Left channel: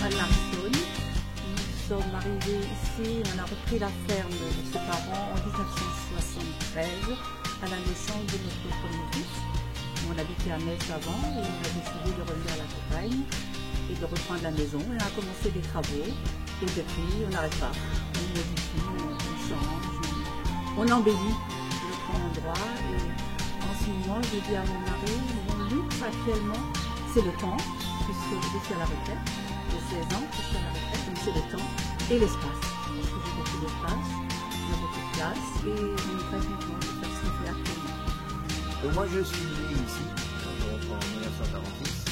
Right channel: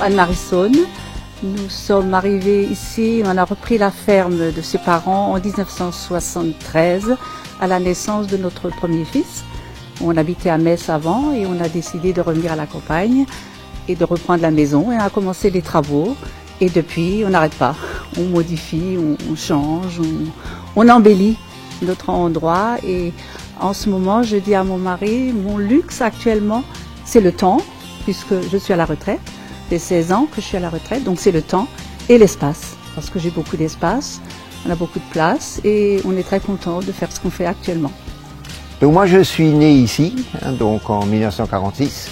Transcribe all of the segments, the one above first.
Anne-Marie Saune. Nous sommes arrivés ici, on a repris la ferme de ses parents en 1973 à la naissance de notre premier fils. On habitait à Metz avant et on a décidé de revenir à la campagne et de reprendre la maison et on a commencé les travaux. Et depuis, on n'arrête pas. On modifie, on change, on embellit notre endroit. Et en ce moment, je dis à mon mari, mon luxe actuellement, c'est le temps, puisque je suis à la retraite. Ça fait 16 ans que je suis à la retraite, donc c'est le temps et l'espace. Parce que j'ai beaucoup d'espace, on a beaucoup de place et on est très content de faire ce qu'on fait actuellement. Donc moi, je suis né ici, donc en 1946.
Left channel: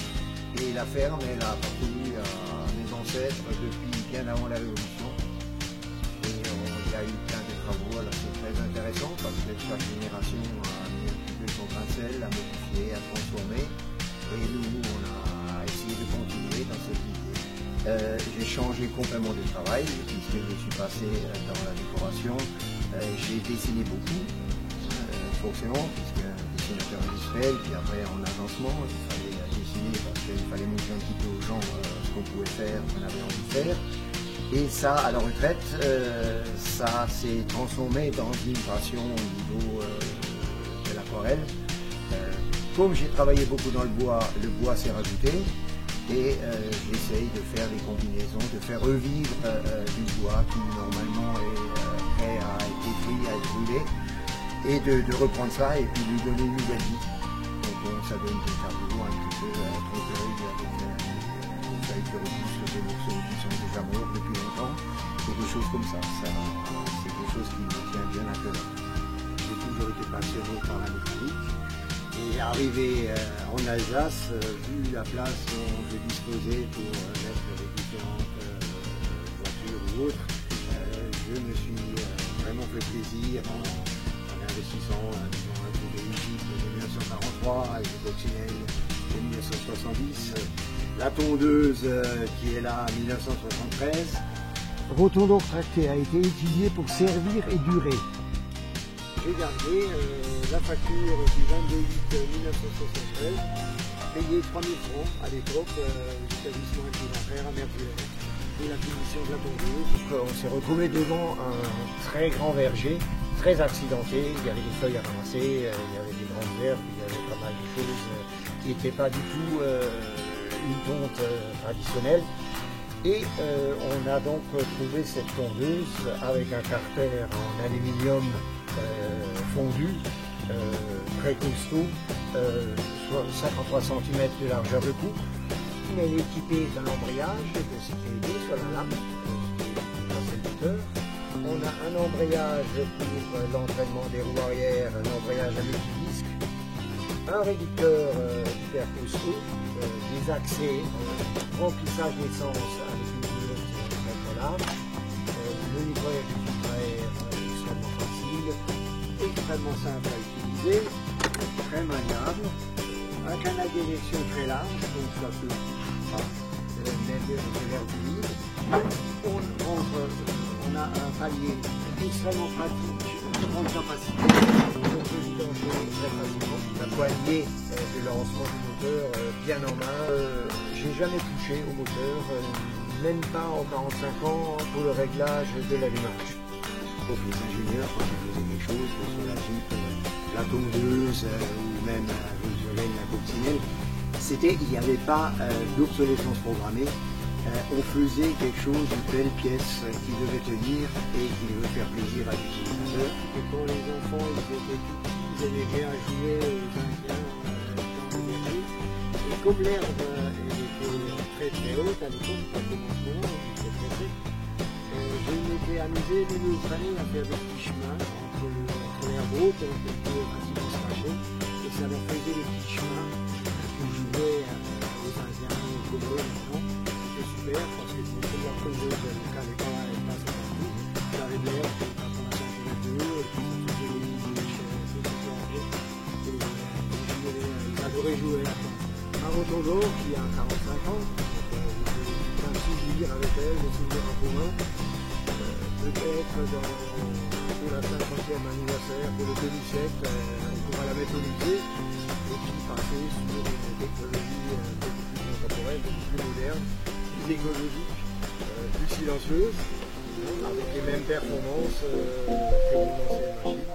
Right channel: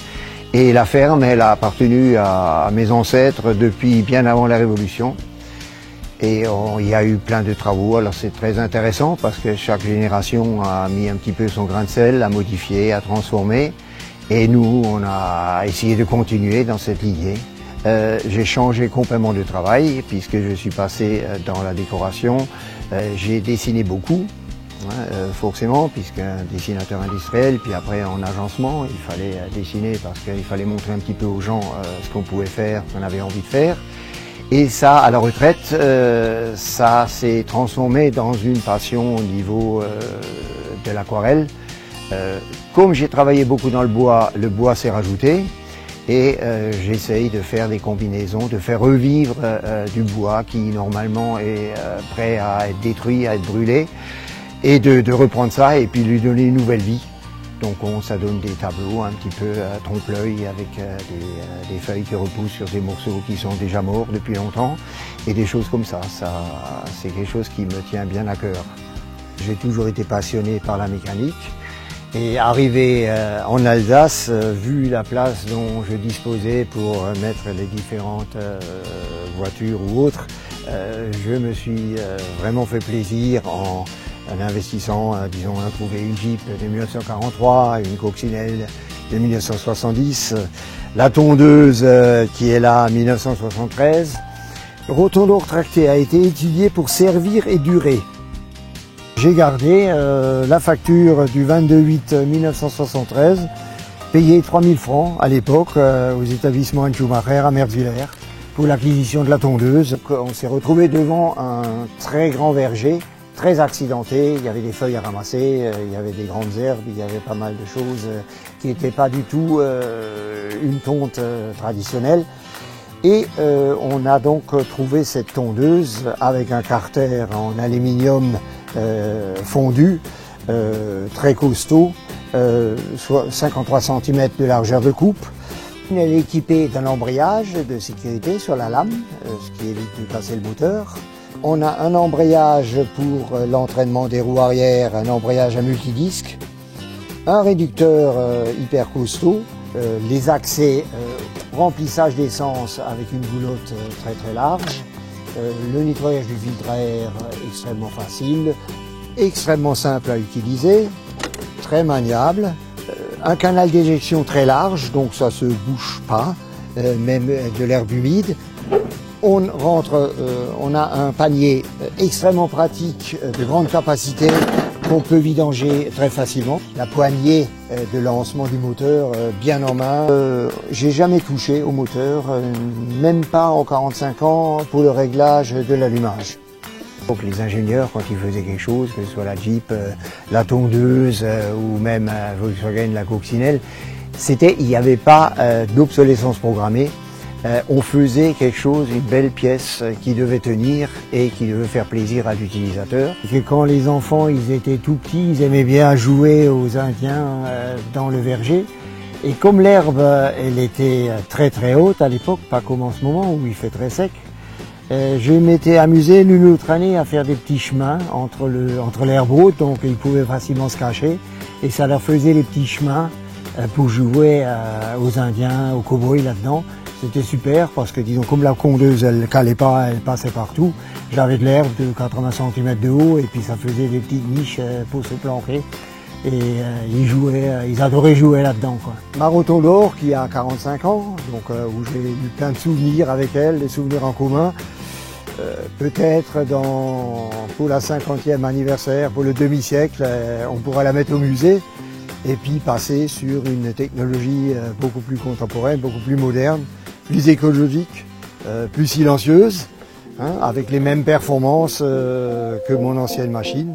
Et la ferme, elle a appartenu à mes ancêtres depuis bien avant la Révolution. Et il y a eu plein de travaux, alors c'est très intéressant parce que chaque génération a mis un petit peu son grain de sel, a modifié, a transformé. Et nous, on a essayé de continuer dans cette idée. J'ai changé complètement de travail puisque je suis passé dans la décoration. J'ai dessiné beaucoup. Forcément, puisqu'un dessinateur industriel, puis après en agencement, il fallait dessiner parce qu'il fallait montrer un petit peu aux gens ce qu'on pouvait faire, ce qu'on avait envie de faire. Et ça, à la retraite, ça s'est transformé dans une passion au niveau de l'aquarelle. Comme j'ai travaillé beaucoup dans le bois s'est rajouté et j'essaye de faire des combinaisons, de faire revivre du bois qui normalement est prêt à être détruit, à être brûlé. Et de reprendre ça et puis lui donner une nouvelle vie. Donc ça donne des tableaux un petit peu trompe-l'œil avec des feuilles qui repoussent sur des morceaux qui sont déjà morts depuis longtemps et des choses comme ça. C'est quelque chose qui me tient bien à cœur. J'ai toujours été passionné par la mécanique et arrivé en Alsace, vu la place dont je disposais pour mettre les différentes voitures ou autres, je me suis vraiment fait plaisir en investissant, disons, à trouver une Jeep de 1943, une coccinelle de 1970, la tondeuse qui est là en 1973. Le rotondor tracté a été étudié pour servir et durer. J'ai gardé la facture du 22/8/1973, payé 3000 francs à l'époque aux établissements Anne Schumacher à Merzwiller pour l'acquisition de la tondeuse. On s'est retrouvé devant un très grand verger, très accidenté, il y avait des feuilles à ramasser, il y avait des grandes herbes, il y avait pas mal de choses qui n'étaient pas du tout une tonte traditionnelle. Et on a donc trouvé cette tondeuse avec un carter en aluminium fondu, très costaud, soit 53 cm de largeur de coupe. Elle est équipée d'un embrayage de sécurité sur la lame, ce qui évite de casser le moteur. On a un embrayage pour l'entraînement des roues arrière, un embrayage à multidisque, un réducteur hyper costaud, les accès remplissage d'essence avec une goulotte très très large, le nettoyage du filtre à air extrêmement facile, extrêmement simple à utiliser, très maniable, un canal d'éjection très large, donc ça se bouche pas, même de l'air humide. On a un panier extrêmement pratique de grande capacité qu'on peut vidanger très facilement. La poignée de lancement du moteur bien en main. J'ai jamais touché au moteur, même pas en 45 ans pour le réglage de l'allumage. Donc les ingénieurs, quand ils faisaient quelque chose, que ce soit la Jeep, la tondeuse ou même Volkswagen, la coccinelle, il n'y avait pas d'obsolescence programmée. On faisait quelque chose, une belle pièce qui devait tenir et qui devait faire plaisir à l'utilisateur. Et quand les enfants ils étaient tout petits, ils aimaient bien jouer aux Indiens dans le verger. Et comme l'herbe elle était très très haute à l'époque, pas comme en ce moment où il fait très sec, je m'étais amusé l'une autre année à faire des petits chemins entre l'herbe haute, donc ils pouvaient facilement se cacher. Et ça leur faisait les petits chemins pour jouer aux Indiens, aux cow-boys là-dedans. C'était super parce que, disons, comme la tondeuse, elle calait pas, elle passait partout. J'avais de l'herbe de 80 cm de haut et puis ça faisait des petites niches pour se planquer. Et ils adoraient jouer là-dedans. Ma rotondor qui a 45 ans, donc où j'ai eu plein de souvenirs avec elle, des souvenirs en commun. Peut-être pour la 50e anniversaire, pour le demi-siècle, on pourra la mettre au musée et puis passer sur une technologie beaucoup plus contemporaine, beaucoup plus moderne, plus écologique, plus silencieuse, hein, avec les mêmes performances que mon ancienne machine.